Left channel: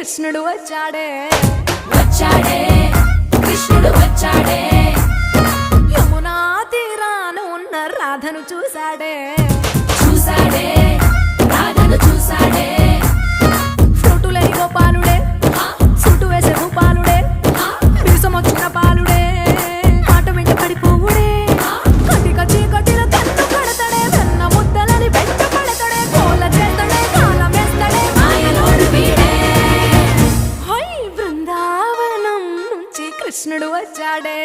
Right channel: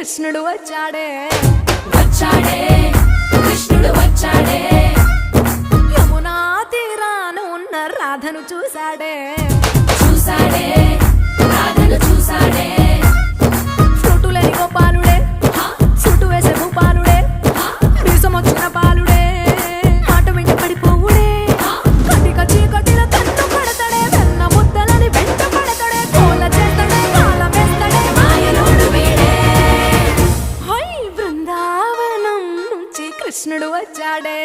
కృష్ణుడు వచ్చాడే వచ్చాడే కృష్ణుడు వచ్చాడే యమునా తీరాన ఉన్న రాధను చూశాడే చూసాడే రాధను చూసాడే ఫ్రూటులేని గోపాలుడే సుటు వేసే భూపాలుడే వీసమొచ్చిన పాలుడే మాట వెంట పడిపోవుడే కటిక చీకటిలో కన్ను కడతాడే వెన్న ముద్దలని వెంట పడతాడే కోల చేస్తాడే కాలం వేస్తాడే మాయలోడు వీడే హై బృందావనం నుంచి కృష్ణుడు వచ్చాడే